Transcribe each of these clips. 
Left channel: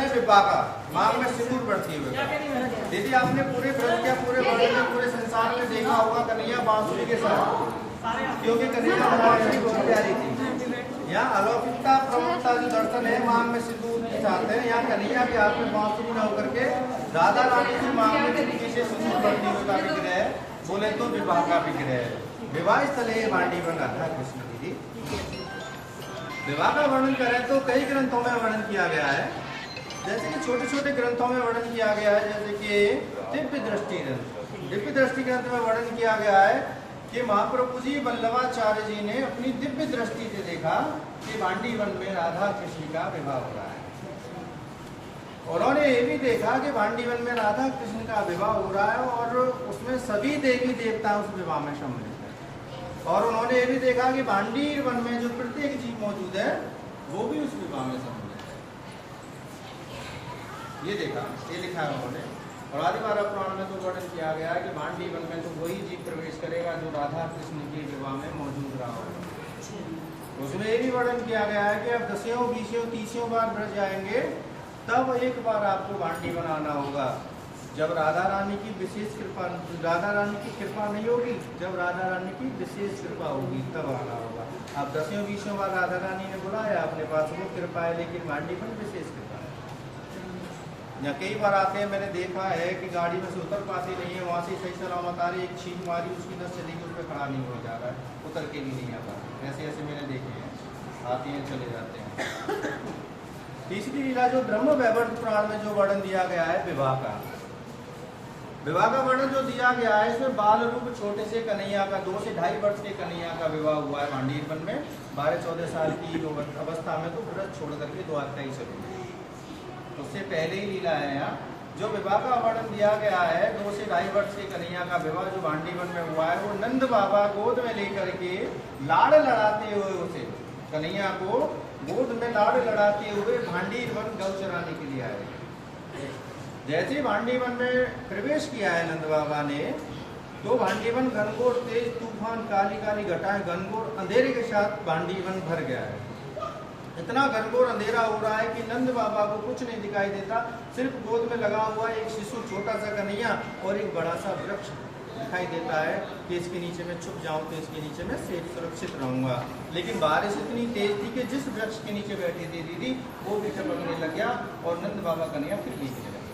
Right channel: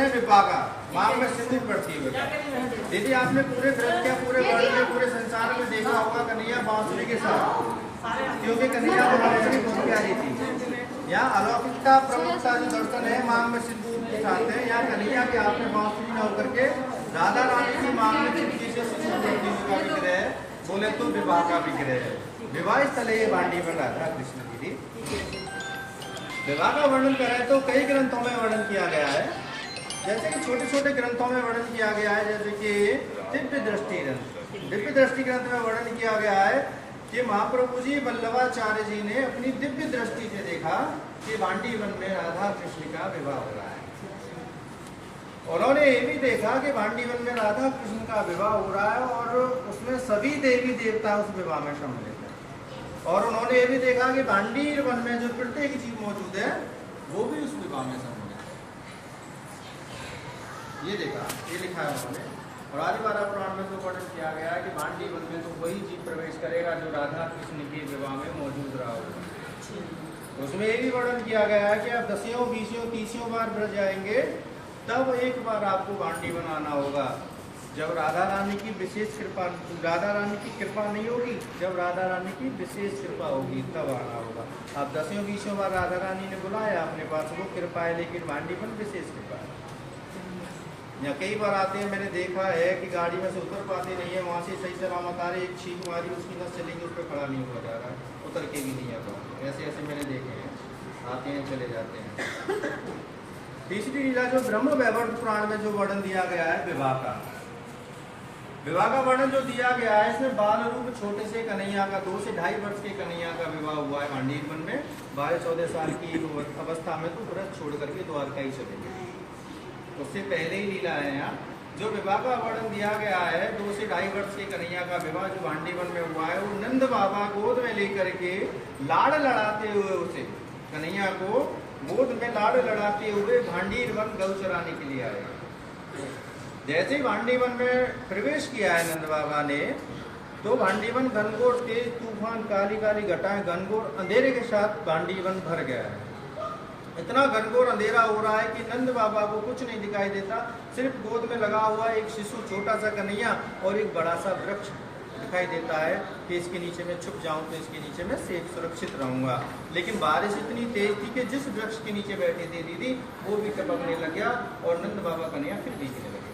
है विपाका, मांग में सिंदूर पड़ती हुए। दीदी आपने पूरे ग्रंथ या पूरे वर्ल्ड में, पूरे संसार में देखा होगा कन्हैया बांसुरी के साथ, क्योंकि कन्हैया बांसुरी बहुत प्यारी थी। यहाँ अलौकिकता प्रमुखता जो दर्शन है मांग में सिंदूर के साथ है। यहाँ कन्हैया के हाथ में बांसुरी न होकर के राधा रानी की मांग में खिड़की से सिंदूर पड़ती हुए का विग्रह है, बोले तो विवाह का विग्रह है। विवाह स्थल है भांडी बन राधा कृष्ण। दीदी विवाह का वर्णन करें तो कई ग्रंथों में वर्णन किया गया है, जैसे कि छोटे छोटे ग्रंथों में वर्णन किया गया है, जैसे कि दिव्य दृष्टि ग्रंथ। दिव्य दृष्टि ग्रंथ में वर्णन किया गया है कि महाप्रभु जी वल्लभाचार्य जी ने अपनी दिव्य दृष्टि से देखा कि भांडी वन में राधा कृष्ण का विवाह हो रहा है। उन्होंने ये भी देखा कि भांडी वन में राधा कृष्ण का विवाह हो रहा है और उसमें सभी देवी देवता उस विवाह में सम्मिलित है। और उन्होंने ये भी देखा कि भांडी वन में जो प्रत्येक जीव मौजूद है वो भी उस विवाह में सम्मिलित है। ये देखा, ये लिखा है उन्होंने। और आदिवारा पुराण में तो वर्णन किया गया है कि भांडी वन में तो वही जीव प्रवेश करेगा जो राधा कृष्ण के विवाह में मौजूद रहा होगा। उसमें ये भी वर्णन किया गया है कि आप 10, 20, 30 बार ब्रज जाएंगे तब एक बार आपको भांडी बनाना होगा। जब राधा रानी की विशेष कृपा, राधा रानी की कृपा नहीं होगी, जब राधा रानी की विशेष कृपा होगी तब आना होगा। आप 10, 20 बार राधा रानी ने बुलाया अपने पास, वो कृपा है, लेकिन भांडी में विशेष कृपा है। यहाँ कई बार आते हैं, मैंने देखा है कि गाड़ी में से उतर पाते नहीं है, वहां से सही सलामत आ रही, एक छींक मारी, उसकी नस चलेगी, उस पर खड़ा नहीं हुआ जा रहा है, उतर के भी नहीं आता। ऐसे ऐसे मैंने देखे हैं, आते हैं चले जाते हैं। तीसरी लीला जो ब्रह्म वैवर्त पुराण में जो वर्णन दिया गया है विवाह का, विवाह का वर्णन जो दिया गया है इसमें बाल रूप छोटे से कन्हैया का 2 से 2.5 वर्ष के कन्हैया का विवाह हुआ है भांडी वन में। 12-14 साल की अवस्था में तो व्रत छोड़ करके द्वारका ही चले गए। उससे पहले ही लीला है यहाँ जो विवाह का वर्णन दिया गया है। 2 से 2.5 वर्ष के कन्हैया का विवाह जो भांडी वन में हुआ है, वो नंद बाबा गोद में लेकर के लाड़ लड़ाते हुए उसे कन्हैया को गोद में लाड़ लड़ाते हुए भांडी वन गौ चराने के लिए आए। जैसे ही भांडी वन में प्रवेश किया है नंद बाबा ने, तो भांडी वन घनघोर तेज तूफान काली काली घटाएं घनघोर अंधेरे के साथ भांडी वन भर गया है। इतना घनघोर अंधेरा हो रहा है कि नंद बाबा को कुछ नहीं दिखाई देता, सिर्फ गोद में लगा हुआ एक शिशु छोटा सा कन्हैया और एक बड़ा सा वृक्ष दिखाई देता है कि इसके नीचे में छुप जाऊं तो इसके नीचे में सेफ सुरक्षित रहूंगा। लेकिन बारिश इतनी तेज थी कि जिस वृक्ष के नीचे बैठी थी दीदी वो भी टपकने लग गया और नंद बाबा कन्हैया फिर भीगने लगे।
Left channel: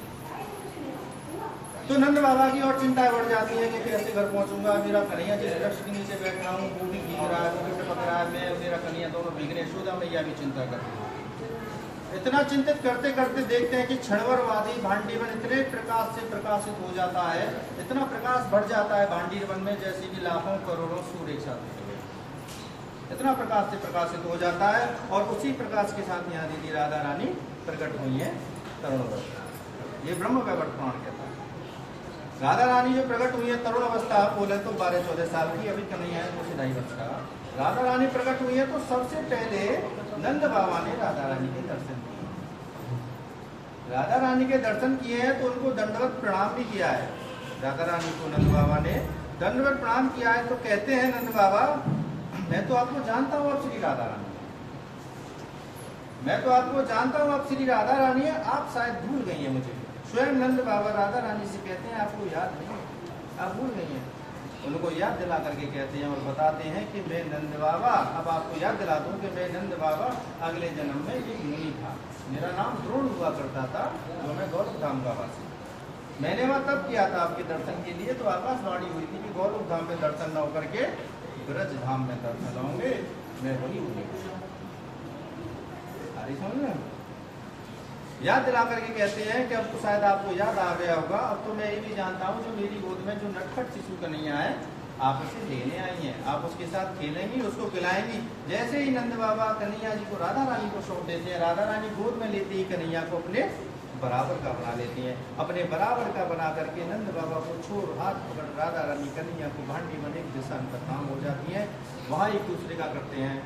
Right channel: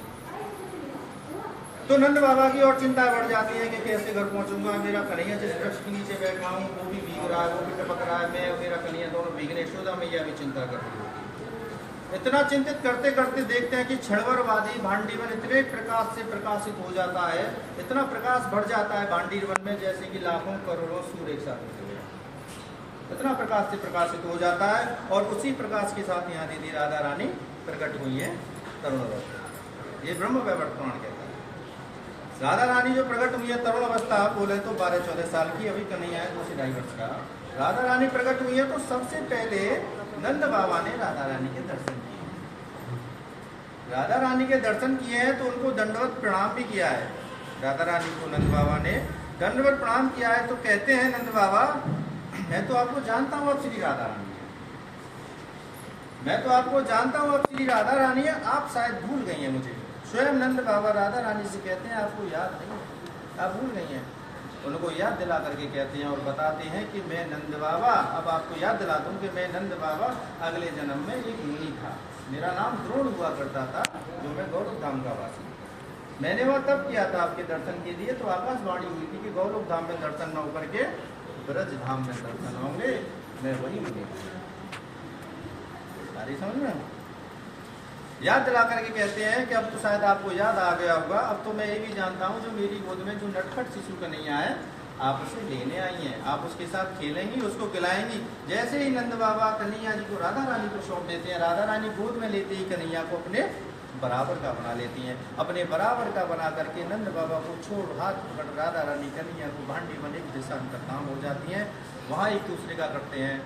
तो नंद बाबा की और चिंता बढ़ जाती है कि कैसे घर पहुंचूंगा, मेरा कन्हैया जिस वृक्ष के नीचे बैठा हूँ वो भी भीग रहा है, वो भी टपक रहा है, मैं और मेरा कन्हैया दोनों भीगने। यशोदा मैया भी चिंता कर रही है। इतना चिंतित करते करते देखते हैं कि क्षणभरवादी भांडी वन इतने प्रकाश से प्रकाशित हो जाता है, इतना प्रकाश बढ़ जाता है भांडी वन में जैसे कि लाखों करोड़ों सूर्य एक साथ निकले। इतना प्रकाश से प्रकाशित हो जाता है और उसी प्रकाश के साथ यहाँ दीदी राधा रानी प्रकट हुई है तरुण अवस्था। ये ब्रह्म वैवर्त पुराण कहता है। राधा रानी जो प्रकट हुई है तरुण अवस्था, बोले तो 12-14 साल की, अभी कन्हैया है 2 से 2.5 वर्ष का। राधा रानी प्रकट हुई है तो सबसे पहले नंद बाबा ने राधा रानी के दर्शन किए। राधा रानी के दर्शन किए हैं तो उनको दंडवत प्रणाम भी किया है। राधा रानी को नंद बाबा ने दंडवत प्रणाम किया है। तो कहते हैं नंद बाबा, मैं तो आपको जानता हूँ, आप श्री राधा रानी है, मैं तो आपको जानता हूँ, आप श्री राधा रानी है, आप शायद भूल गई हैं मुझे। स्वयं नंद बाबा राधा रानी से कहते हैं आपको याद नहीं है, आप भूल गई हैं। उनको याद दिला करके कहते हैं और बताते हैं कि मैं नंद बाबा, अब आपको याद दिला दूं कि मैं नंद बाबा अगले जन्म में एक मुनि था, मेरा नाम द्रोण हुआ करता था, जो मैं गौलोक धाम का वासी। मैंने वह तब किया था आपके दर्शन के लिए, तो आकाशवाणी हुई थी कि गौलोक धाम में दर्शन न होकर के ब्रज धाम में दर्शन होंगे, मैं वही मुनि। अरे समझ में याद दिला करके कहते हैं कि अब तो शायद आपको याद आ गया होगा, अब तो मैं ये भी जानता हूँ जो मेरी गोद में जो नटखट शिशु कन्हैया है, आप उसे लेने आई हैं, आप उसके साथ खेलेंगी, उसको खिलाएंगी। जैसे ही नंद बाबा कन्हैया जी को राधा रानी को सौंप देते हैं, राधा रानी गोद में लेते ही कन्हैया को अपने बराबर का बना लेती हैं। अपने बराबर का बना करके नंद बाबा को छोड़ हाथ पकड़ राधा रानी कन्हैया को भांडी बने दिशा अंतर्धाम हो जाती हैं। वहाँ एक दूसरे का करते हैं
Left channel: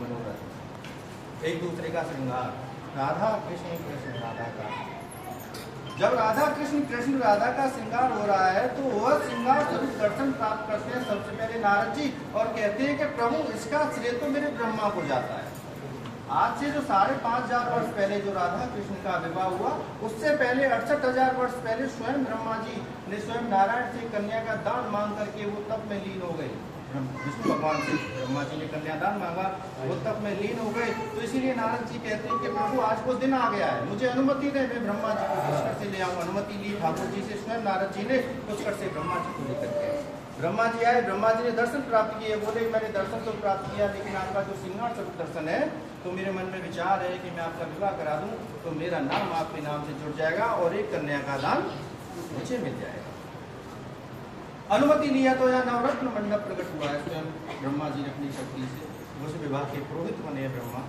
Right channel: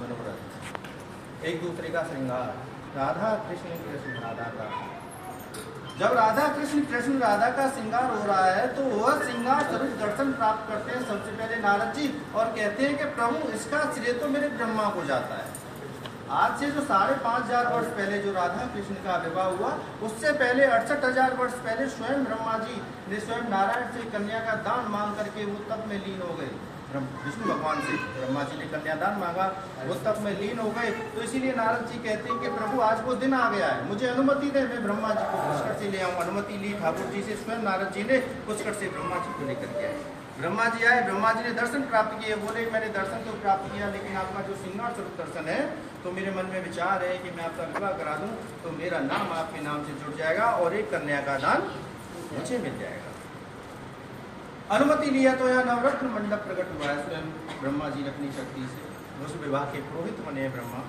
मनोरथ, एक दूसरे का श्रृंगार। राधा कृष्ण कृष्ण राधा का, जब राधा कृष्ण राधा का श्रृंगार हो रहा है तो वह श्रृंगार स्वरूप दर्शन प्राप्त करते हैं सबसे पहले नारद जी, और कहते हैं कि प्रभु इसका श्रेय तो मेरे ब्रह्मा को जाता है। आज से जो 5,500 वर्ष पहले जो राधा कृष्ण का विवाह हुआ, उससे पहले 68,000 वर्ष पहले स्वयं ब्रह्मा जी ने स्वयं नारायण से कन्या का दान मांग करके वो तप में लीन हो गए। विष्णु भगवान से ब्रह्मा जी ने कन्यादान मांगा, वो तप में लीन हो गए। तो इसीलिए नारद जी कहते हैं कि प्रभु आज वो दिन आ गया है, मुझे अनुमति दे, मैं ब्रह्मा जी को पुष्कर से ले आऊँ। अनुमति ली ठाकुर जी से, स्वयं नारद जी ने पुष्कर से ब्रह्मा जी को लेकर के आए। ब्रह्मा जी आए, ब्रह्मा जी ने दर्शन प्राप्त किए, बोले मैंने दर्शन तो प्राप्त किया, लेकिन आपका जो सिंगार स्वरूप दर्शन है, तो मेरे मन में विचार है कि मैं आपका विवाह करा दूं, तो मेरा नाम आपके नाम से जुड़ जाएगा और एक कन्या का दान मुझे मिल जाएगा। अनुमति लिया तो यहाँ नवरत्न मंडप प्रकट हुआ है। स्वयं ब्रह्मा जी ने अपनी शक्ति से उस विवाह के पुरोहित बने ब्रह्मा,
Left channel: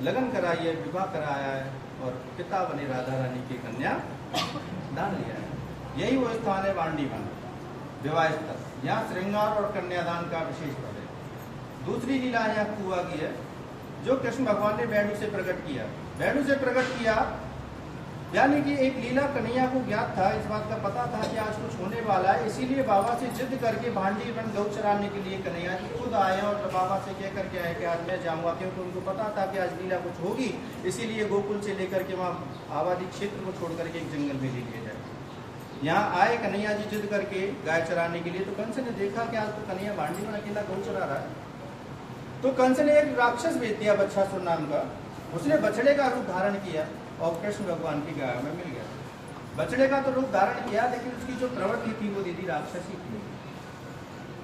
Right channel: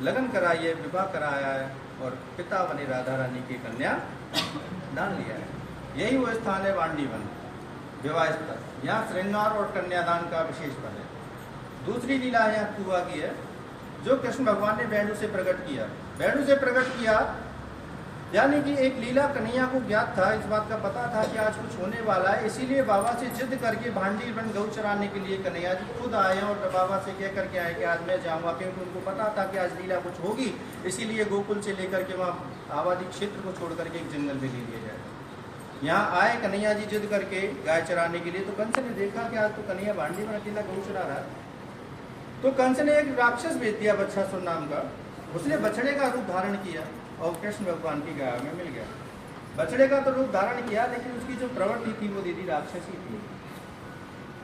लगन कराई है, विवाह कराया है और पिता बने राधा रानी की कन्या दान लिया है। यही वो स्थान है वांडी वन, विवाह स्थल। यहाँ श्रृंगार और कन्यादान का विशेष बल है। दूसरी लीला यहाँ हुआ की है जो कृष्ण भगवान ने वेणु से प्रकट किया। वेणु से प्रकट किया यानी कि एक लीला कन्हैया को ज्ञात था, इस बात का पता था कि आज कुछ होने वाला है, इसीलिए बाबा से जिद करके भांडी वन गौ चराने के लिए कन्हैया जी खुद आए और बाबा से कह करके आए कि आज मैं जाऊंगा, क्योंकि उनको पता था कि आज लीला कुछ होगी। इसीलिए गोकुल से लेकर के वहाँ आबादी क्षेत्र को छोड़ करके एक जंगल में ले लिया जाए। यहाँ आए कन्हैया जी जिद करके गाय चराने के लिए, तो कंस ने देखा कि आज तो कन्हैया भांडी में अकेला गौ चरा रहा है, तो कंस ने एक राक्षस भेज दिया बच्छासुर नाम का। उसने बछड़े का रूप धारण किया और कृष्ण भगवान की गाय में मिल गया। बछड़े का तो रूप धारण किया, लेकिन उसकी जो प्रवृत्ति थी वो दीदी राक्षसी थी।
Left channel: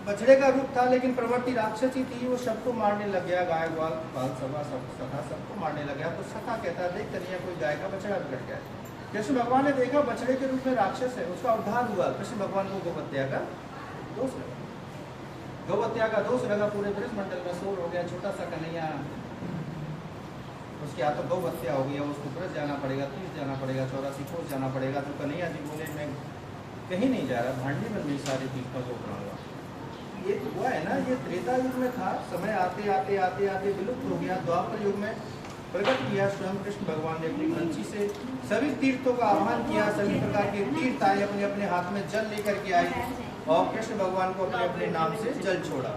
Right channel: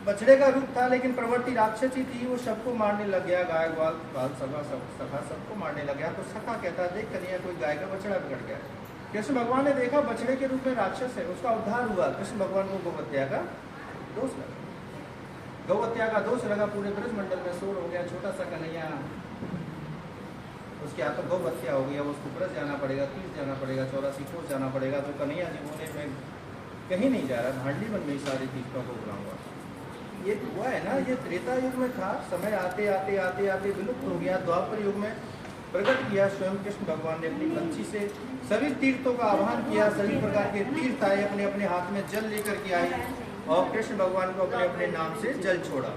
बछड़े का रूप था लेकिन प्रवृत्ति राक्षसी थी, वो सबको मारने लग गया, गाय ग्वाल बाल सभा सबको मारने लग गया। तो सखा कहता है देख कन्हैया कोई गाय का बछड़ा बिगड़ गया। कृष्ण भगवान ने देखा बछड़े के रूप में राक्षस है, उसका उद्धार हुआ। कृष्ण भगवान को गौहत्या का दोष लगा, गौहत्या का दोष लगा, पूरे ब्रज मंडल में शोर हो गया। छोटा सा कन्हैया, उसके हाथों गौ हत्या हो गया, उसको ब्रज जाना पड़ेगा, तीर्थ जाना पड़ेगा, 84 कोस जाना पड़ेगा। तो कन्हैया जी बोले मैं कहीं नहीं जा रहा, भांडी वन में सारे तीर्थों को बनाऊंगा। ये तो हुआ है ना, ये त्रेता युग में था, समय आते आते आते आते विलुप्त हो गया। द्वापर युग में प्रकट किया स्वयं कृष्ण भगवान ने अपनी पंछी से, सभी तीर्थों का आह्वान किया, सभी प्रकार के तीर्थ आए, अपने अपने हाथ में जल लेकर के आए और कृष्ण भगवान को अपने अपने नाम से जल छोड़ा।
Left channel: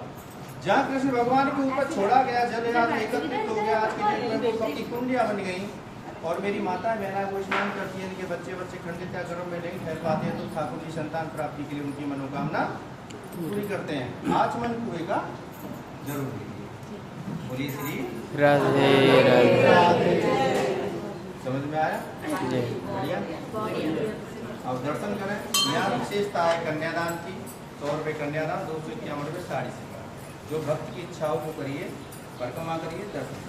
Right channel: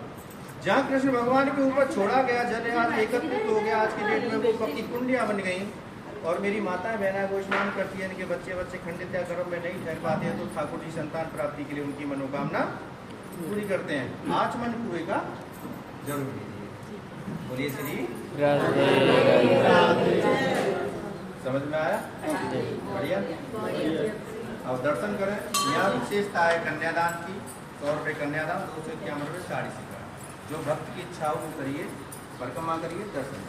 जहाँ कृष्ण भगवान के ऊपर छोड़ा गया जल आज एकत्रित हो गया। आज के डेट में वो पक्की कुंडियां बन गई और मेरी माता बहना वो स्नान करती है, इनके बच्चे खंडित या गर्भ में नहीं ठहर पाते हैं, तो ठाकुर जी संतान प्राप्ति के लिए उनकी मनोकामना पूरी करते हैं। आचमन कुएं का जरूर कीजिए। बोलिए श्री समझ में आया? बढ़िया। अब दर्शन करें। यहाँ विशेषता है कन्यादान की, 100 रुपये कन्यादान, 251 रुपये साड़ी सिक्का। जो भक्त की इच्छा हो वो करिए, परिक्रमा करिए, दर्शन